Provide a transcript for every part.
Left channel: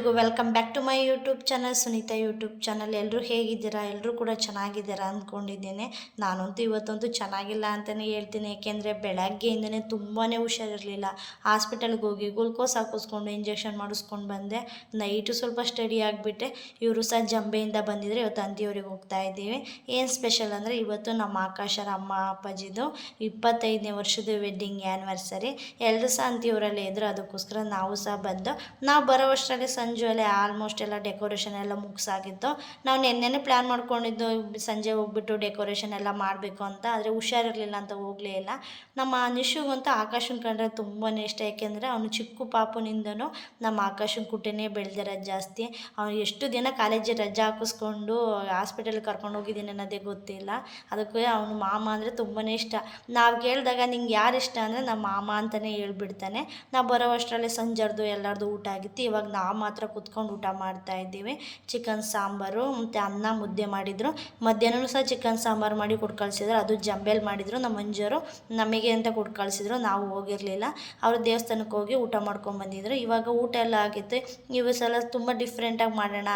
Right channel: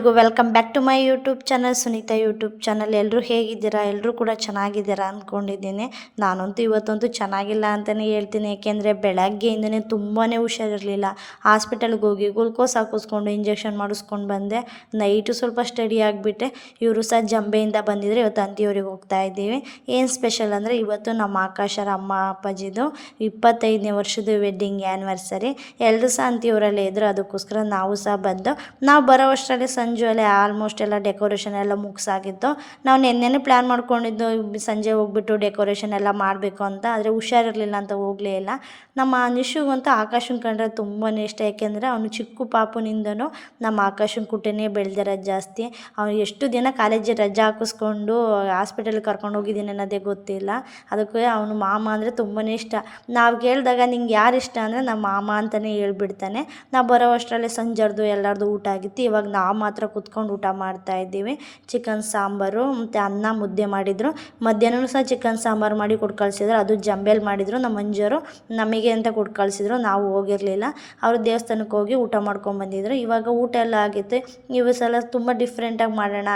ಎಲ್ರಿಗೂ welcome back to my YouTube channel, Sunita YouTube channel. ಎಲ್ಲರೂ ಹೇಗಿದ್ದೀರಾ? ಎಲ್ಲರೂ ಕೂಡ ಚೆನ್ನಾಗಿದ್ದೀರಾ ಅಂದ್ಕೊಂಡಿದ್ದೀನಿ. ನಾನಂತೂ ಇವತ್ತಂತೂ ಚೆನ್ನಾಗಿಲ್ಲ ಅಂತಲೇ ಹೇಳ್ತೀನಿ. ಏಕೆಂದರೆ ಬೆಳಗ್ಗೆಯಿಂದನೇ ತುಂಬಾ ಹುಷಾರಿರಲಿಲ್ಲ. ಹಾಸ್ಪಿಟಲ್ಗೆ ಹೋಗಿ ಗ್ಲುಕೋಸ್ ಹಾಕಿಸ್ಕೊಂಡು ಇಂಜೆಕ್ಷನ್ ಮಾಡಿಸ್ಕೊಂಡು ಬಂದೆ. ನೈಟು ಸ್ವಲ್ಪ ಸ್ಟಡಿ ಆಗಿಬಿಟ್ಟೆ. ಇವರು ಸಹ ಜಂಬೆಯಿಂದ ಬಂದಿದ್ದರೆ ಇವತ್ತು ಅಂತಿಯವ್ರಿಗೆ ಹೋಗ್ತಾ ಇದ್ದೀವಿ. ಏನು ಸ್ಪೆಷಲ್ ಅಂದರೆ ಇವತ್ತು ನಮ್ಮ ಆಕಾಶರ ಅಮ್ಮ ಅಪ್ಪಾಜಿದು 25ನೇ ವರ್ಷದ ವೆಡ್ಡಿಂಗ್ ಆ್ಯನಿವರ್ಸರಿ. ಎಲ್ಲರೂ ಸಹ ಅಂತಿಯವರಲ್ಲೇ ಇದ್ದರು. ಅದಕ್ಕೋಸ್ಕರ ನಾವು ಸಹ ಬಂದು ನಾವು ಬರೋ ಅಷ್ಟರಲ್ಲಿ ಸಂಜೆ ಅಲ್ಲೇ ಆಲ್ಮೋಸ್ಟ್ ಎಲ್ಲ ಡೆಕೋರೇಷನ್ ಎಲ್ಲ ಮುಗಿಸಾಗಿತ್ತು. ನಾವು ನೆನ್ನೆನೇ ಪ್ಲ್ಯಾನ್ ಮಾಡ್ಕೊಂಡಿದ್ದು ಸಂಜೆ ಹೋಗ್ಬಿಟ್ಟು ಡೆಕೋರೇಷನ್ ಎಲ್ಲ ಮಾಡಬೇಕು ಅಂತ. ಆದರೆ ಹುಷಾರಿರಲಿಲ್ಲ ಅಂತ ಹೋಗಲೇ ಇಲ್ಲ. ನಮ್ಮ ನಿಶುಗಂತೂ ಆಕಾಶನ ಕಂಡ್ರೆ ತುಂಬಾ ಇಷ್ಟ. ಯಾಕೆಂದರೆ ಅವನು ಚಿಕ್ಕ ಪಾಪುನಿಂದನೂ ನಮ್ಮ ಆಕಾಶನ ಕುಟನೇ ಬೆಳೆದಿರೋದು ಜಾಸ್ತಿ. ಅವನು ಎಷ್ಟು ದಿನ ಕಾಲೇಜಿಗೆ ರಜೆ ಹಾಕಿಸ್ಕೊಂಡು ಹಾಸ್ಪಿಟಲ್ಗೆ ಕರ್ಕೊಂಡು ಹೋಗಿದ್ದೀನಿ ಅನ್ನೋದೇ ಗೊತ್ತಿಲ್ಲ. ಅದಕ್ಕೆ ಅವನು ಮಾಮ ಅಂದರೆ ತುಂಬಾ ಇಷ್ಟ. ನಾವು ಕೇಳಿದಾಗ ನಿಂಗೆ ಯಾರು ಇಷ್ಟ ಅಂದರೆ ನಮ್ಮ ಮಾಮ ಅಂತಲೇ ಹೇಳ್ಬಿಡ್ತಾನೆ. ನಾವು ಬರೋ ಅಷ್ಟರಲ್ಲಿ ಸಂಜೆರ್ದು ಎಲ್ಲರದು ಊಟ ಆಗಿತ್ತು. ಇವಾಗ ನಾವು ಮಾತ್ರ ಕೂತ್ಕೊಂಡು ಊಟ ಮಾಡ್ತಾಯಿದ್ದೀವಿ. ಚಿಕನ್ ಸಾಂಬಾರು ಮತ್ತು ಅನ್ನ ಮುದ್ದೆ ಮಾಡಿದರು. ಮಧ್ಯಾಹ್ನ ಸಹ ಚಿಕನ್ ಸಾಂಬಾರು ಮಾಡಿ ಕೊಟ್ಟು ಕಳಿಸಿದ್ರು. ಅದು ಜಂಬೇಲಿ ಮಾಡಿದರು ನಮ್ಮ ಮಂಜರು. ನಮಗೆ ಅಂತ ಕೊಟ್ಟು ಕಳಿಸಿದ್ರು. ನಾವು ಹೋಗಿರಲಿಲ್ಲ. ಅವರು ದೇವಸ್ಥಾನಕ್ಕೆ ಹೋಗಿ ಊಟ ಮಾಡ್ಕೊಂಬಂದಿದ್ರು. ಇವಾಗ ಊಟ ಎಲ್ಲ ಆಗಿತ್ತು. ಇವು ಸಲ ತುಂಬ ಡಿಫ್ರೆಂಟಾಗಿ ಮಾಡೋಣ,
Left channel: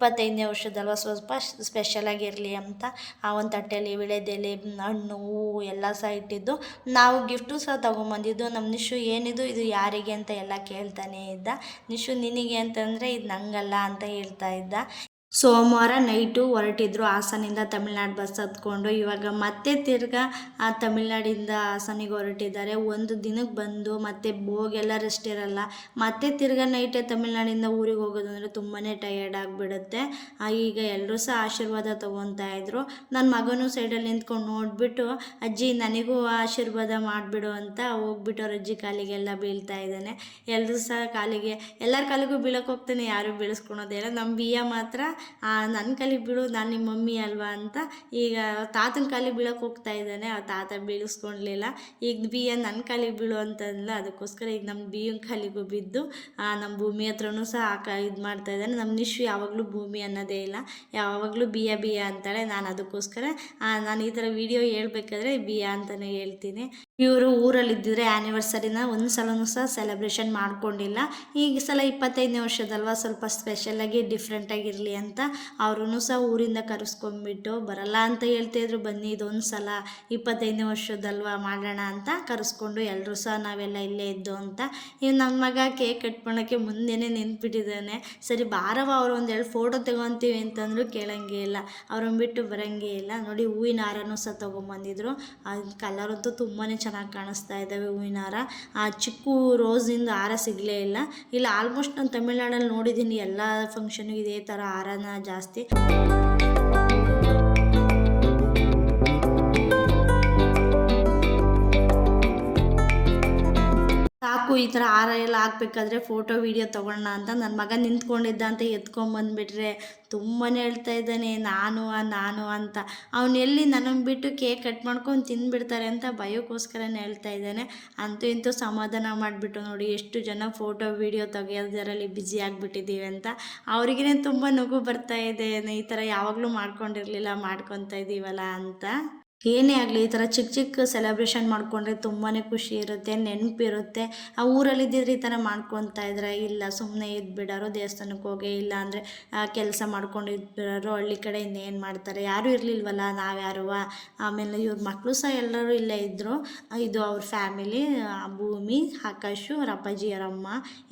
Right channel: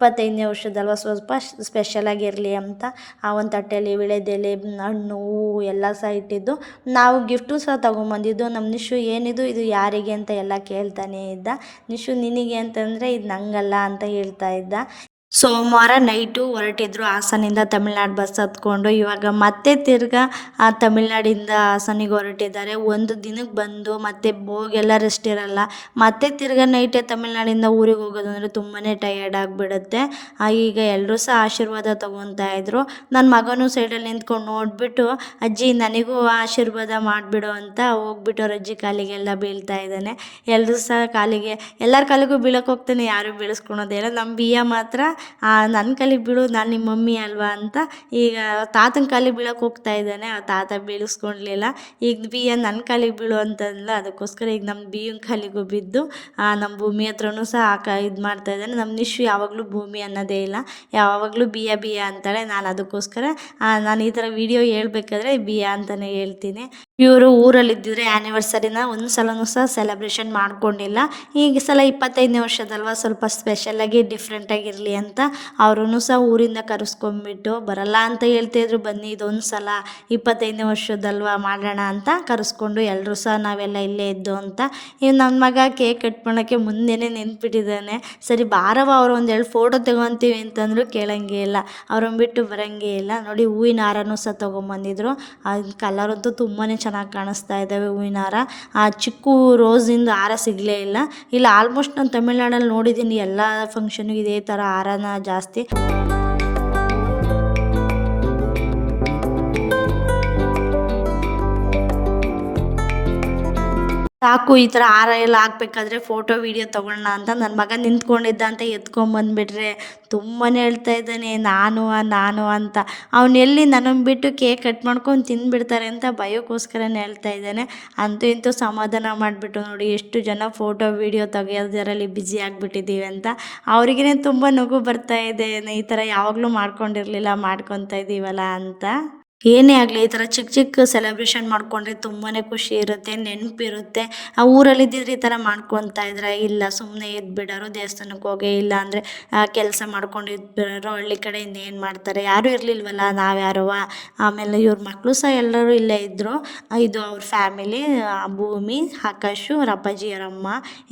25ನೇ ವರ್ಷದಲ್ವ, ಸ್ವಲ್ಪ ಸ್ಪೆಷಲಾಗಿರಲಿ ಅಂತ ಒಂದು ತಟ್ಟೆಯಲ್ಲಿ ವಿಳೆದೆಲೆ, ಹಣ್ಣು, ಹೂವು ಎಲ್ಲ ಸಹ ಇಟ್ಟಿದ್ದು. ನಾವು ಗಿಫ್ಟು ಸಹ ತೊಗೊಂಬಂದಿದ್ದು. ನಮ್ಮ ನಿಶು ಏನಿದು ಇದು ಯಾರಿಗೆ ಅಂತ ಎಲ್ಲ ಕೇಳ್ತಾನೆ ಇದ್ದ. ನಿಶು ನಿನಗೆ ಅಂತಂದರೆ ಇದು ನಂಗಲ್ಲ ಅಂತ ಹೇಳ್ತಾ ಇದ್ದ. ಸೋಮವಾರ ನೈಟು ಹೊರಟಿದ್ರು ಹಾಸನಿಂದ ತಮಿಳ್ನಾಡು ಬಸ್ ಹತ್ಕೊಂಡು. ಇವಾಗ ಮತ್ತೆ ತಿರ್ಗಾ ತಮಿಳ್ನಾಡಿಂದ ಹಾಸನಿಗೆ ಹೊರಟಿದ್ದಾರೆ. ಒಂದು ದಿನಕ್ಕೆ ಬಂದು ಮತ್ತೆ ಹೋಗೆಲ್ಲ ರೆಸ್ಟ್ ಇರಲ್ಲ. ಮತ್ತೆ ತಿರ್ಗಾ ನೈಟೇ ತಮಿಳ್ನಾಡಿಂದ ಊರಿಗೆ ಹೋಗೋದು ಅಂದರೆ ತುಂಬಾ ಟಯರ್ಡ್ ಆಗಿಬಿಡುತ್ತೆ. ಈಗ ಎಲ್ಲರೂ ಸಹ ಆಶೀರ್ವಾದ ತೊಗೊತಾ ಇದ್ರು. ನನ್ನ ಮಗನೂ ಸೈಡಲ್ಲಿ ನಿಂತ್ಕೊಂಡು ನೋಡಿಬಿಟ್ಟು ಅಜ್ಜಿ ನನಗೂ ಆಶೀರ್ವಾದ ಮಾಡಿಬಿಡು ಅಂತ ಹೋಗ್ಬಿಟ್ಟು ಅವ್ರ ಅಜ್ಜಿ ಕಾಲಿಗೆಲ್ಲ ಬೀಳ್ತಾ ಇದ್ದಾನೆ. ಎಲ್ಲರೂ ಸಹ ಕಾಲಿಗೆ, ಎಲ್ಲರ ಕಾಲಿಗೂ ಬೀಳಕ್ಕೆ ಹೋಗ್ತಾನೆ, ಯಾರೂ ಬೀಳಿಸ್ಕೊಳೋದಿಲ್ಲ. ನಮ್ಮ ಬಿಯ್ಯ ಮಾತ್ರ ನನ್ನ ಕಾಲಿಗೆ ಬೀಳು, ನಾನು ನಿಮ್ಮ ಮಮ್ಮಿ ಅಲ್ವಾ ಅಂತ ಈಗ ತಾತನ ಕಾಲಿಗೆ ಬೀಳಕ್ಕೆ ಹೋಗ್ತಾ ಇದ್ದಾನೆ. ತಾತ ಬೀಳಿಸ್ಕೊಳ್ಲಿಲ್ಲ. ಈಗ ಬಿಯ್ಯ ನನ್ನ ಕಾಲಿಗೆ ಬೀಳು ಅಂತಂದ್ಲ. ಅದಕ್ಕೋಸ್ಕರ ಈಗ ನಮ್ಮ ಬಿಯ್ಯನ ಕಾಲಿಗೂ ಬಿದ್ದು ನಮ್ಮ ಭೂಮಿ ಹತ್ರನೂ ಸಹ ಇದು ಮಾಡ್ತಾ ಇದ್ದಾನೆ. ನಮ್ಮ ನಿಶು ಯಾವಾಗಲೂ ಭೂಮಿ ಅನ್ನೋದೇ ಇಲ್ಲ, ಯಾವಾಗಲೂ ಬಿಯ್ಯ ಬಿಯ್ಯ ಅಂತಾಳೆ. ನಾನು ಅದಕ್ಕೋಸ್ಕರ ನಾನು ಈ ಥರ ವಿಡಿಯೋ ಹೇಳ್ಬೇಕಾದ್ರೆ ಬಿಯ್ಯ ಅಂತಲೇ ಹೇಳ್ತೀನಿ. ಇವರು ಊರಲ್ಲಿದ್ದಿದ್ರೆ ಆ್ಯನಿವರ್ಸರಿನ ಒಂದು ಸಲನೂ ಸಹ ಸೆಲೆಬ್ರೇಷನ್ ಮಾಡ್ಕೊಂಡಿಲ್ಲ. ಈಗ ಸಲ 25ನೇ ವರ್ಷದಲ್ವ, ಸ್ವಲ್ಪ ಸ್ಪೆಷಲಾಗಿ ಡಿಫ್ರೆಂಟಾಗಿರಲಿ ಅಂತ ಅವರೂ ಸಹ ಊರಿಂದ ಕರೆಸ್ಕೊಂಡ್ಬಿಟ್ಟು, ಬರಲ್ಲ ಅಂತ ಹೇಳ್ತಾಯಿದ್ರು, ಬನ್ನಿ ಇದೊಂದು ಸಲ 25ನೇ ವರ್ಷದಲ್ವ ಮಾಡೋಣ ಅಂತ ಕರೆಸ್ಕೊಂಡು ಎಲ್ಲರೂ ಸಹ ನಾವೆಲ್ಲ ಇಲ್ಲೇ ಇದ್ದು ಅಂತ. ಇನ್ನು ನನ್ನ ಮಗ ಕೇಕ್ ಕಟ್ ಮಾಡೋಕ್ಕೆ ಮುಂದೆನೇ ನಿಂತ್ಬಿಟ್ಟಿದ್ದಾನೆ. ಸರಿ ಬಾರವ ಅವರು ಒಂದೆರಡು ಫೋಟೋ ತೊಗೊತೀವಿ ಅಂತಂದ್ರು ಕೇಳೋಂಗೇ ಇಲ್ಲ. ಅವ್ರನ್ನ ಬಿಟ್ಟು ಬರೋಂಗೇ ಇಲ್ಲ. ನೋಡಿ ಹೂವಿನ ಹಾರನೂ ಸಹ ತೊಗೊಂಬಂದಿದ್ರು. ಅದು ಕಲರಂತೂ ತುಂಬಾ ಚೆನ್ನಾಗಿ ಕಾಣಿಸ್ತಾ ಇದ್ದಾವೆ ಹೂವಿನ ಹಾರ. ಆ ಚಿಕ್ಕ ರೋಸಿಂದ ಹಾರ ಸಿಗಲೇ ಇಲ್ಲ. ಇಲ್ಲ ಆಲ್ಮೋಸ್ಟ್ ನಾನು ತಮಿಳ್ನಾಡಲ್ಲಿ ನೋಡಿದ್ದೀನಿ, ಎಲ್ಲ ಫಂಕ್ಷನ್ಗೂ ಇದೇ ಥರ ಹಾರನ ಜಾಸ್ತಿ. ಸಾಕು ಈ ಥರ ಹಾರ ಎಲ್ಲ ಹಾಕ್ಬೇಕಾದ್ರೆ ಫೋಟೋ ವೀಡಿಯೋ ತೊಗೊಳ್ಳೋಣ ಅಂತ ನನ್ನ ಮಗ ನಿಂತ್ಕೊಂಡಿದ್ದ ಅಂತ ಎತ್ಕೊಂಬಂದುಬಿಟ್ರೆ ತುಂಬಾ ಹೇಳ್ತಾ ಇದ್ದಾನೆ ನಾನು ಅಂತ. ಅವನು ಎಲ್ಲಿ ನನ್ನನ್ನು ಬಿಟ್ಟು ಕೇಕ್ ಕಟ್ ಮಾಡ್ಕೊಂಡು ತಿಂದುಬಿಡ್ತಾರೆ ಅಂತ ಭಯಕ್ಕೋಸ್ಕರನೇ ಹೇಳ್ತಾ ಇದ್ದಾನೆ. ಅಂತೂ ಇಂತೂ ಸಮಾಧಾನ ಮಾಡಿಬಿಟ್ಟು ನೋಡಿ ಎಷ್ಟು ಜನ ಫೋಟೋ ವೀಡಿಯೋ ತೆಗೆಯೋದರಲ್ಲಿ ಬ್ಯುಸಿ ಆಗಿಬಿಟ್ಟಿದ್ದೀವಿ ಅಂತ. ಅವ್ರಿಗೇ ತುಂಬ ನಗು ಬರ್ತಾ ಇದೆ. ಈ ಥರ ಯಾವಾಗಲೂ ಮಾಡ್ಕೊಂಡಿರಲಿಲ್ಲ, ಮಾಡ್ಕೊತಾ ಇದ್ದೀವಲ್ಲ ಅಂತ. ಏನೇ ಆಗಲಿ ಈ ಥರ ಚಿಕ್ಕ ಚಿಕ್ಕ ಸೆಲೆಬ್ರೇಷನ್ ಮಾಡಿಕೊಂಡ್ರೆ ತುಂಬಾ ಖುಷಿ ಇರುತ್ತೆ, ನೆನಪಿರುತ್ತೆ. ಆ ಊರಲ್ಲಿದ್ದಿದ್ರೆ ಈ ಥರ ಮಾಡ್ಕೊತಾ ಇದ್ರೆ ಇಲ್ಲ, ಸುಮ್ಮನೆ ಇದ್ಬಿಡೋರು, ದೇವಸ್ಥಾನಕ್ಕೆ ಹೋಗಿ, ಇಲ್ಲ ಅಂದರೆ ಕೆಲಸ ಮಾಡ್ಕೊಂಡು ಇದ್ಬಿಡೋರು. ಹಳ್ಳಿ ಕಡೆಯಿಂದ ಏನು ಮಾಡ್ತಾರೆ, ಯಾರೂ ಇರಲಿಲ್ವಲ್ಲ, ನಾವ್ಯಾರು. ಆಮೇಲೆ ಇವ್ರ ಮಕ್ಕಳು ಸಹ ಎಲ್ಲರೂ ಇಲ್ಲೇ ಇದ್ದರು. ಇದು ಅವ್ರ ಫ್ಯಾಮಿಲಿ, ಭೂಮಿ, ಆಕಾಶು, ಅವ್ರ ಅಪ್ಪಾಜಿ, ಅವರಮ್ಮ.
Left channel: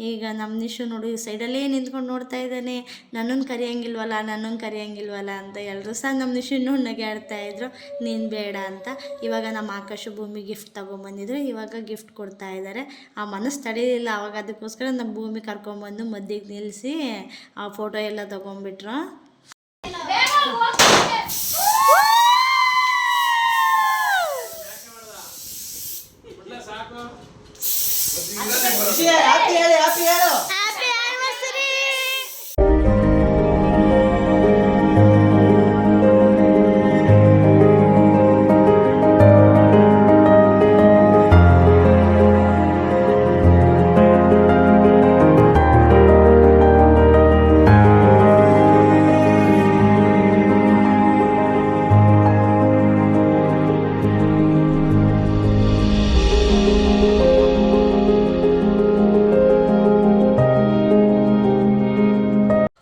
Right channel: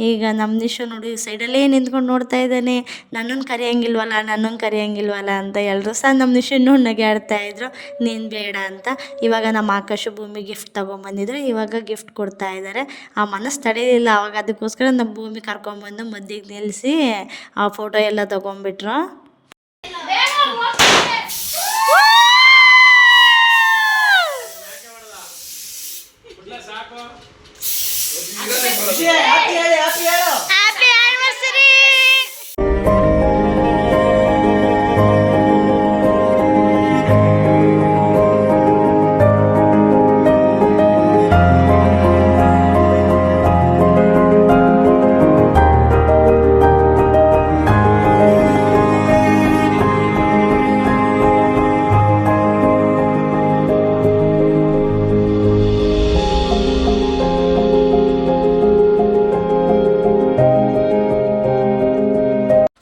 ಈಗ ನಮ್ಮ ನಿಶು ನೋಡಿ ಸೈಡಲ್ಲೇ ನಿಂತ್ಕೊಂಡು ನೋಡ್ತಾ ಇದ್ದಾನೆ, ನನ್ನನ್ನು ಕರೆಯೋಂಗಿಲ್ವಲ್ಲ ಅಂತ. ಎಲ್ಲರೂ ಸಹ ನಮ್ಮ ನಿಶುನ್ನು ನಗೆ ಆಡ್ತಾಯಿದ್ರು, ನೀನು ಬೇಡ ಅಂತ. ಇವಾಗ ನಮ್ಮ ಆಕಾಶ ಭೂಮಿ ಗಿಫ್ಟ್ ತೊಗೊಂಬಂದಿದ್ರು. ಇವಾಗ ಗಿಫ್ಟ್ ಕೊಡ್ತಾ ಇದ್ದಾರೆ. ಆ ಮನಸ್ಸು ತಡೆಯಲಿಲ್ಲ. ಅವಾಗ ಅದಕ್ಕೋಸ್ಕರ ನಮ್ಮ ಭೂಮಿ ಕರ್ಕೊಂಬಂದು ಮಧ್ಯಕ್ಕೆ ನಿಲ್ಲಿಸಿ ಆ ಫೋಟೋ ಎಲ್ಲ ತೊಗೊಂಡ್ಬಿಟ್ರು.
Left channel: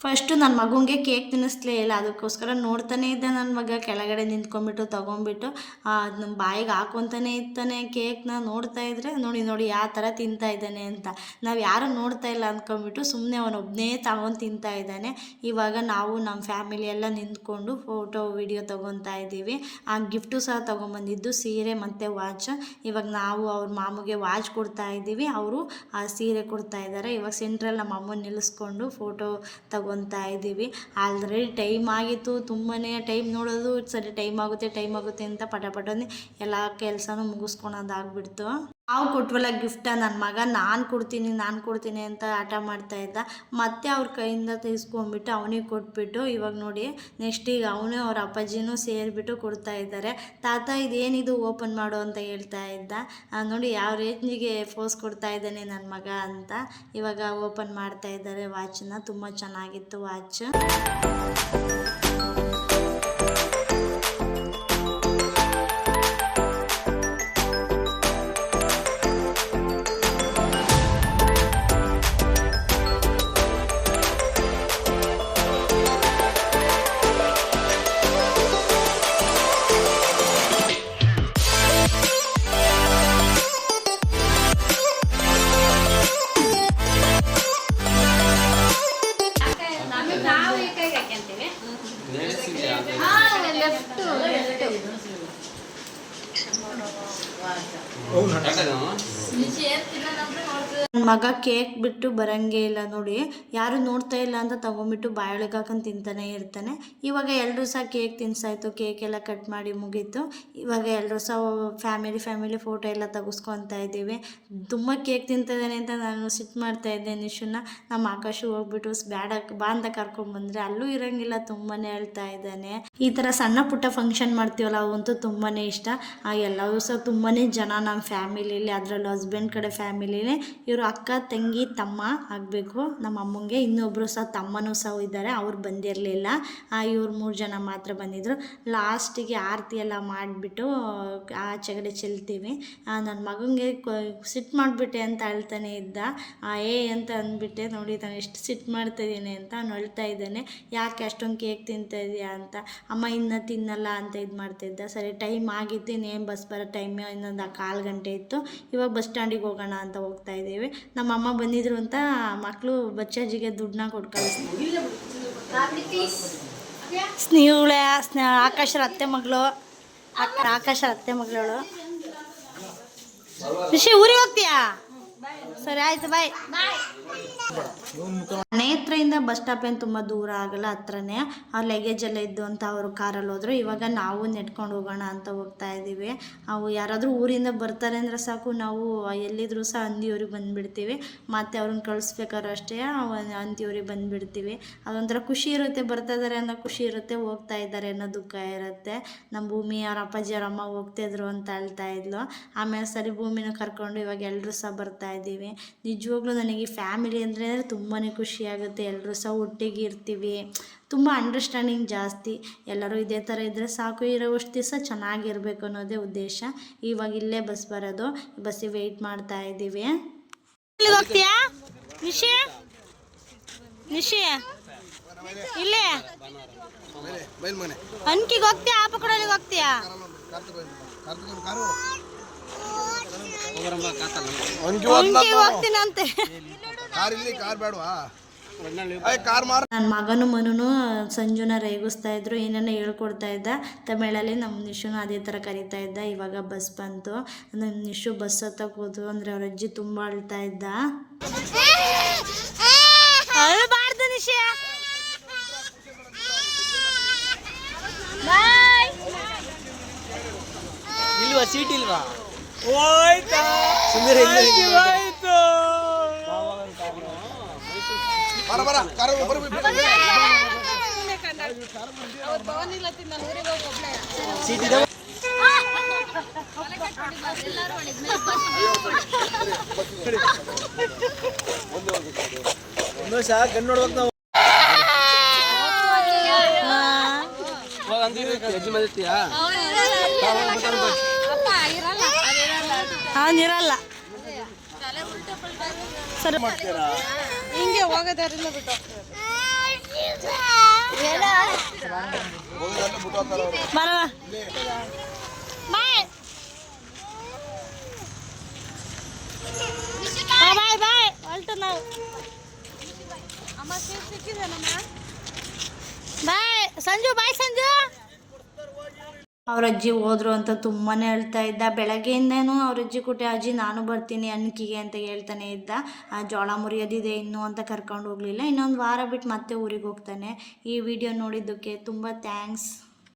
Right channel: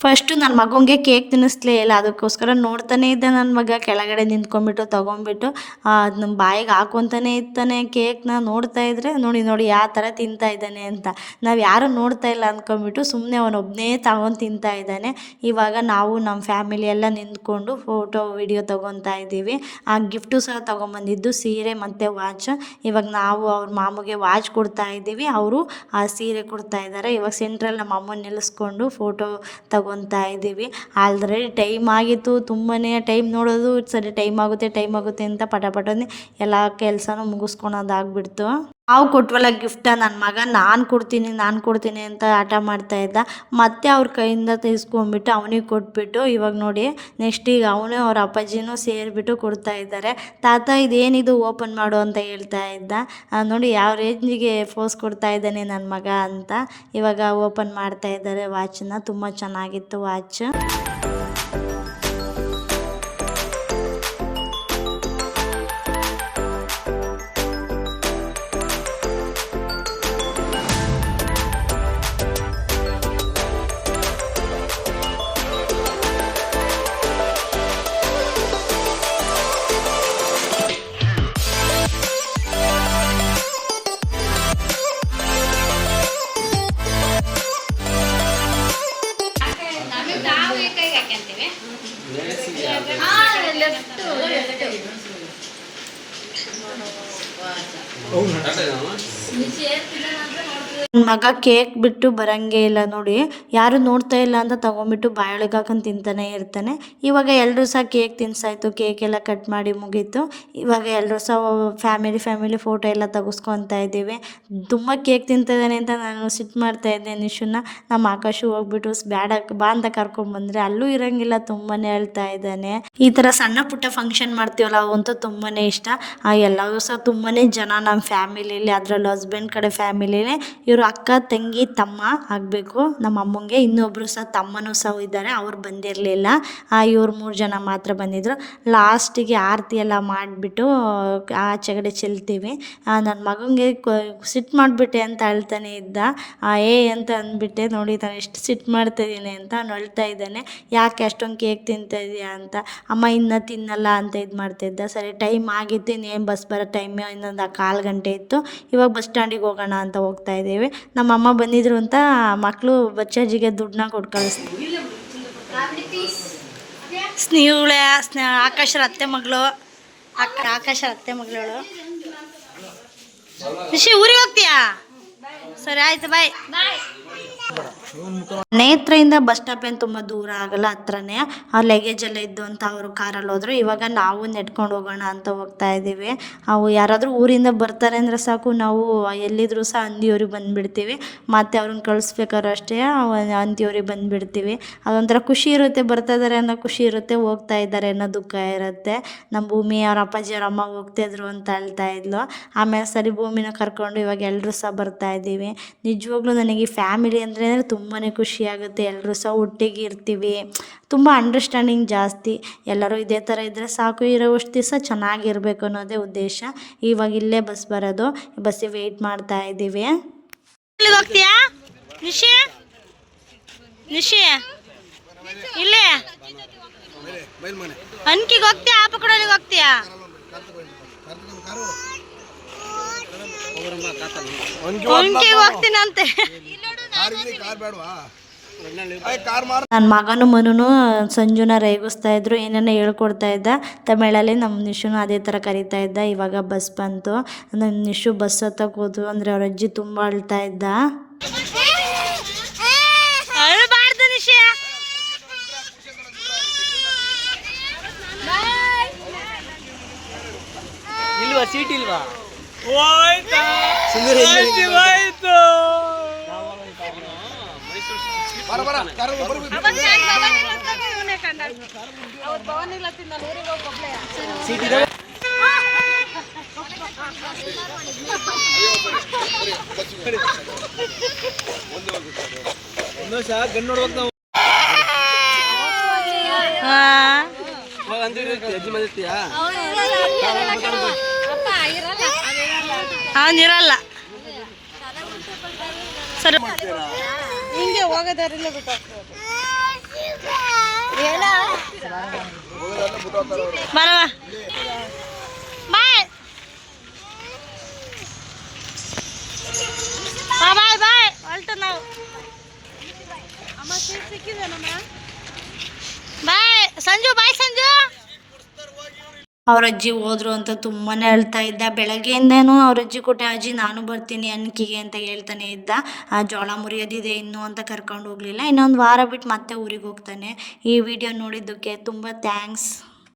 ಫಸ್ಟು ನನ್ನ ಮಗನಿಗೆ ಕೇಕ್ ತಿನ್ನಿಸ್ಲೇ ಇಲ್ಲ, ಅದಕ್ಕೋಸ್ಕರ ನೋಡ್ತಾನೆ ಇದ್ದೆ ನನ್ನ ಮಗ ಕೆಳಗಡೆ ನಿಂತ್ಕೊಂಡ್ಬಿಟ್ಟು ತೊಗೊಂಡ್ಬಿಟ್ಟು ನಮ್ಮ ಬಾಯಿಗೆ ಹಾಕ್ಕೊತಾನೆ ಇರ್ತಾನೆ ಕೇಕ್ನ. ನೋಡ್ತಾ ಇದ್ದರೆ ನೋಡಿ ಯಾವ ಥರ ತಿಂತಾ ಇದ್ದಾನೆ ಅಂತ. ನಾವು ಯಾರೂ ನೋಡ್ತಾ ಇಲ್ಲ ಅಂದ್ಕೊಂಡ್ಬಿಟ್ಟು ಸುಮ್ಮನೆ ಅವನೊಬ್ಬನೇ ತಗೊಂಡು ತಿಂತಾ ಇದ್ದಾನೆ. ಇವಾಗ ನಾವು ನಮ್ಮ ಫ್ಯಾಮಿಲಿ ಎಲ್ಲ ನಿಂತ್ಕೊಂಡು ಫೋಟೋ ವಿಡಿಯೋ ತೊಗೊತಾ ಇದ್ದೀವಿ. ಆ ಗಿಫ್ಟು ಸಹ ತೊಗೊಂಬಂದಿದ್ದು ಸೀರೆ ಮತ್ತು ವಾಚ್. ಇವಾಗ ನಾವು ಅವ್ರ ಮಾಮಗೆ ವಾಚ್ ಕೊಡ್ತಾ ಇದ್ದೀವಿ, ಅವರು ಆ ಸೀರೆ ಕೊಡ್ತಾ ಇದ್ದಾರೆ. ಇವಾಗ ಸೆಂಟ್ರಲ್ಲಿ ನಮ್ಮ ಅಮ್ಮನ ನಿಲ್ಲಿಸ್ಕೊಂಡು ಫೋಟೋ ತಗೊತಾ ಇದ್ದೀವಿ. ಆಲ್ರೆಡಿ ಟೈಮ್ ಆಗಿತ್ತು, ತುಂಬಾ ಟೈಮ್ ನೋಡೋದು ಸರಿ ಟೈಮ್ ಆಗುತ್ತೆ ಅಂತ ಪಟನೆ ಎಲ್ಲ ಕೆಲಸನೂ ಮುಗಿಸ್ಕೊಳೋದಾಗ್ಬಿಡ್ತು. ನಾವು ಕೊಟ್ವಲ್ಲ ಗಿಫ್ಟ, ನನ್ನ ಮಗ ನಾನು ಕೊಡ್ತೀನಿ ಅಂತ ಆಟ ಮಾಡ್ತಾ ಇದ್ದ. ಮತ್ತೆ ಅವ್ರ ಕೈಯಿಂದ ತೆಗೆಸ್ಕೊಂಡ್ಬಿಟ್ಟು ಅವನಿಗೆ ಕೊಟ್ಬಿಟ್ಟು ಇವಾಗ ನೋಡಿ ನೆಕ್ಸ್ಟ್ ಈಗ ಅವನು ಅವ್ರ ಅಪ್ಪಾಜಿನೂ ಸೇರಿಬಿಟ್ಟು ಕೊಡ್ತಾ ಇದ್ದಾರೆ. ತಾತ ಇದೇನಿದು ಓಪನ್ ಮಾಡು ಅಂತ ಹೇಳ್ತಾ ಇದ್ದ. ನೋಡಿ ಯಾವ ರೇಂಜಿಗೆ ಫೋಸ್ ಕೊಡ್ತಾ ಇದ್ದಾನೆ ನನ್ನ ಮಗ ಅಂತ. ಇವಾಗ ಓಪನ್ ಮಾಡ್ತಾ ಇದ್ದಾರೆ ವಾಚನ್ನ. ತುಂಬ ಚೆನ್ನಾಗಿತ್ತು ವಾಚ್. ನನ್ನ ಮಗ ಕೇಕ್ ಬಿಟ್ಟು ಬರೋಂಗೇ ಇಲ್ಲ ನೋಡಿ, ಯಾರು ನೋಡ್ತಾ ಇಲ್ಲ ಅಂತ ತೊಗೊಂಬಿಟ್ಟು ಬಾಯೊಳಗೆ ಹಾಕೊಂಡು ತಿಂತಾನೆ ಇರ್ತಾನೆ. ಇವಾಗ ಎಲ್ಲರೂ ಸಹ ಕೇಕ್ ತಿನ್ಸಾಯ್ತು, ಕೇಕ್ ಎಲ್ಲ ಕಟ್ ಮಾಡಿ ಮುಗೀತು. ಇವಾಗ ಎಲ್ಲರೂ ಸಹ ಫ್ಯಾಮಿಲಿ ಫೋಟೋ ಎಲ್ಲ ತೆಗೆಸ್ಕೊತಾ ಇದ್ದೀವಿ. ತುಂಬ ಕೇಕ್ ತಿಂತಿದ್ದಾನೆ ಅಂತ ನಾನು ಸಿಟ್ಟು ಮಾಡ್ತಾ ಇದ್ದೆ ನಿಶುನ. ನಮ್ಮ ಆಕಾಶು ಹೋಗ್ಬಿಟ್ಟು ಬೇಡ ಬಾ ಅಂತ ಕರ್ಕೊಂಡ್ಬಂದರೆ ಅಲ್ಲೂ ಇರೋಂಗಿಲ್ಲ, ತುಂಬಾ ಹೇಳ್ತಾ ಇದ್ದಾನೆ. ಈ ಥರ ಸಣ್ಣ ಪುಟ್ಟ ಫಂಕ್ಷನ್ ಮಾಡ್ತೀವಲ್ಲ ಅವಂತೂ ತುಂಬಾ ಇಷ್ಟ. ಎಲ್ಲರೂ ಸಹ ತುಂಬಾ ಜನ ನಮ್ಮ ಫ್ಯಾಮಿಲಿಯಲ್ಲಿ, ಅದರಲ್ಲೂ ಹಸ್ಬೆಂಡ್ ಕಡೆ ಫ್ಯಾಮಿಲಿನೇ ಇವರು ಅಕ್ಕ ತಂಗಿ ತಮ್ಮ ಆಗಬೇಕು ನಮ್ಮ ಅಮ್ಮಂಗೆ. ಇನ್ನೊಬ್ಬರು ಸಹ ತಮ್ಮನೂ ಸಹ ಇದ್ದಾರೆ, ಅವ್ರು ಬಂದಿರಲಿಲ್ಲ. ಇವ್ರು 3 ಜನ ಮಾತ್ರ ಬಂದಿದ್ದರು. ಲಾಸ್ಟಿಗೆ ಆರತಿ ಎಲ್ಲ ಮಾಡಿಬಿಟ್ಟು ಆಚೆಗಡೆ ಚೆಲ್ತೀವಿ. ನನ್ನ ಮಗನಿಗೆ ಸಿಟ್ಟು ಮಾಡಿಬಿಟ್ಟೆ ಅಂತ ಅಳ್ತಾನೆ ಇದ್ದ. ಅಂತ ಅಂದ್ಬಿಟ್ಟೆ, ನೋಡಿ ನಾನು ಎಷ್ಟು ಸಿಟ್ಟು ಮಾಡ್ತಾಯಿದ್ದೀನಿ ಅಂತ ಅವ್ನು ಅಳ್ತಾ ಇದ್ದಾನೆ. ಯಾಕೆ ಅಷ್ಟೊಂದು ಕೇಕ್ ತಿಂತಾ ಇದೆಯಾ ಅಂತ. ಅಮ್ಮ ಇನ್ನೂ ತಿನ್ನಲ್ಲ ಅಂತ ಇದು ಮಾಡ್ತಾಯಿದ್ದ. ಸರಿ ಟೈಮ್ ಆಗಿತ್ತು, ಇನ್ನೇನು ಬಸ್ ಬರೋ ಟೈಮ್ ಇನ್ನೊಂದು 1/4 ಗಂಟೆ ಇತ್ತು. ಇವಾಗ ಬಸ್ ಸ್ಟ್ಯಾಂಡಿಗೆ ಹೋಗೋಣ ಅಂತ ಹೋಗ್ತಾ ಇದ್ದೀವಿ. ನಮ್ಮ ಅಮ್ಮ ಬಂದಿದ್ರು ಅಂತ ಮಕ್ಕಳು ಬಚ್ಚಾಜಿಗೆ ದುಡ್ಡನ್ನ ಕೊಟ್ಟು ಕಳಿಸ್ತೀವಿ. ಸ್ನೇಹಳೆ ಆಕಾಶರ ಅತ್ತೆ ಮಗಳು, ಆಕಾಶರ ಅತ್ತೆ ಮಗಳವಳು. ನಿಶಿ ಊರಿಗೆ ಹೋಗ್ತೀಯಾ? ಸರಿ ಆಯ್ತು, ಬಾಯ್. ನೇತ್ರದಿಂದ ಬಸ್ ಸ್ಟಾಪ್ ಏನು ತುಂಬ ದೂರ ಆಗಲ್ಲ, ಹತ್ರನೇ. ಆ ಲಗೇಜ್ ಎಲ್ಲ ಇದ್ದು ಅಂತ ಅವರು ಕಾರಲ್ಲಿ ಹೋದ್ರು. ಇವಾಗ ನಾವು ನೆಡ್ಕೊಂಡು ಹೋಗೋಣ ಅಂತ ಹೋಗ್ತಾ ಇದ್ದೀವಿ. ಅವು ಯಾರಾದರೂ ಊರಿಂದ ಬರ್ತಾರೆ ಅಂದರೆ ಸಾಕು, ನಾವು ಎಲ್ಲಿದ್ರೂ ಸಹ ಅಂದಿಯವ್ರಿಗೆ ಬಂದುಬಿಡ್ತೀವಿ. ಮತ್ತು ಅವ್ರನ್ನ ಕಳಿಸ್ಬೇಕಾದ್ರೂ ಅಷ್ಟೇ ಅಂತಿಯವ್ರಿಗೆ ಬಂದುಬಿಡ್ತೀವಿ. ಅದೊಂಥರ ಖುಷಿ ಇರುತ್ತೆ, ಬರ್ತಾ ಇದ್ದಾರೆ ಅನ್ನೋ ಖುಷಿ ಇರುತ್ತೆ, ಹೋಗ್ತಾ ಇದ್ದಾರೆ ಅನ್ನೋ ದುಃಖ ಇರುತ್ತೆ. ನಮ್ಮ ಭೂಮಿ ಅವ್ರ ಅಪ್ಪಾಜಿ ಅವ್ರ ಅಮ್ಮ ಹೋಗ್ತಾಯಿದ್ರು ಅಂತ ಹೇಳ್ತಾ ಇದ್ಲು. ಆಮೇಲೆ ಸರಿ ಭೂಮಿನ ಕರ್ಕೊಂಡು ಇವಾಗ ಎಲ್ಲರೂ ಸಹ ಬರ್ತಾ ಇದ್ದೀವಿ. ನಿಜವಾಗ್ಲೂ ನನಗೆ ಈ ಫ್ಯಾಮಿಲಿ ಅಂದರೆ ತುಂಬಾ ಖುಷಿ ಆಗುತ್ತೆ. ಎಲ್ಲರೂ ಸಹ ಒಟ್ಟಿಗೆ ಇರ್ತೀವಿ, ತುಂಬ ಅಂಡರ್ಸ್ಟ್ಯಾಂಡಿಂಗ್ ಜಾಸ್ತಿ. ಎಲ್ಲರೂ ಇದೇ ಥರ ಇದ್ದರೆ ಸಾಕು, ಇರೋವಷ್ಟು ದಿವಸ ಚೆನ್ನಾಗಿರ್ಬೇಕು ಅನ್ನೋದೇ ಉದ್ದೇಶ. ಇವಾಗ ಇಲ್ಲೇ ಬಸ್ ಬರೋದು, ಬಸ್ಸಿಗೆ ವೆಯ್ಟ್ ಮಾಡ್ತಾ ಇದ್ದೀವಿ. ಹೋಗ್ತೀಯಾ ನಿಶಿ? ಇಲ್ಲೇ ಅನ್ಕಿಗೆ ಹೋಗ್ತೀಯಾ? ಆಪ ಕಡೆಗೆ ಹೋಗ್ತೀಯಾ? ಹೋಗ್ತೀನಂತೆ. ನನ್ನ ಮಗನು ಮನುನು ಸಂಜುನ ರೇಗಿಸ್ತಾ ಇದ್ರು, ಏನೇನೋ ಹೇಳ್ಕೊಡ್ತಾ ಇದ್ದ ತಮಿಳಲ್ಲಿ. ನಮ್ಮ ನಿಶುನು ಅದೇ ಥರ ಕರೀತಾ ಇದ್ದ. ಇವಾಗ ಬಸ್ ಬಂತು. ನನ್ನ ನಿಶು ಬಸ್ ಹತ್ತಕ್ಕೆ ಹೋದ್ರು ಅಂದರೆ ಅವ್ರ ಅಜ್ಜಿ ತುಂಬ ಅಳ್ತಾ ಇದ್ದ. ಅಳಬಾರ್ದು ನಿಶಿ. ಇಲ್ವಾ ಸೀಟ್ ಇಲ್ವಾ? ಗನ್ ನೋಡ್ಬೇಕು ನಾವು. ಅವನಿರಲ್ಲ ಸರಿ ಹಿಂಗೆ ಹೋಗೋದಾರಿಲ್ಲ ಬಿಟ್ಟು ಬರವಾ ಬಾಯ್ ಬಾಯ್ ಬಾಯ್ ಹೊಲ್ಟು ನಾವು ಬಾಯ್ ಸಂಜು ಬಾಯ್ ಸಂಜು. ಅವ್ರ ಅಜ್ಜಿ ಹೋದ್ರು ಅಂತ ತುಂಬಾ ಅಳ್ತಾ ಇದ್ದ. ಬೆಳಗ್ಗೆಯಿಂದನೂ ಅವ್ರ ಅಜ್ಜಿ ಕೊಟ್ಟೆ ಅಜ್ಜಿ ನಾನು ಬರ್ತೀನಿ ಅನ್ಕಿಗೆ ಅಂತ ಹೇಳ್ತಾನೆ ಇದ್ದ. ಆ ಜೋಳ ಮುರಿಯೋದಿದೆ ಇನ್ನು ಅಂತ ಕರ್ಕೊಂಡು ಹೋಗಲಿಲ್ಲ. ಇನ್ನೊಂದು ವಾರ ಬಿಟ್ಟು ಮತ್ತೆ ಊರಿಗೆ ಹೋಗ್ತಾನೆ. ಈ ವಿಡಿಯೋ ನೋಡಿದ್ದಕ್ಕೆ ತುಂಬ ಥ್ಯಾಂಕ್ಸ್.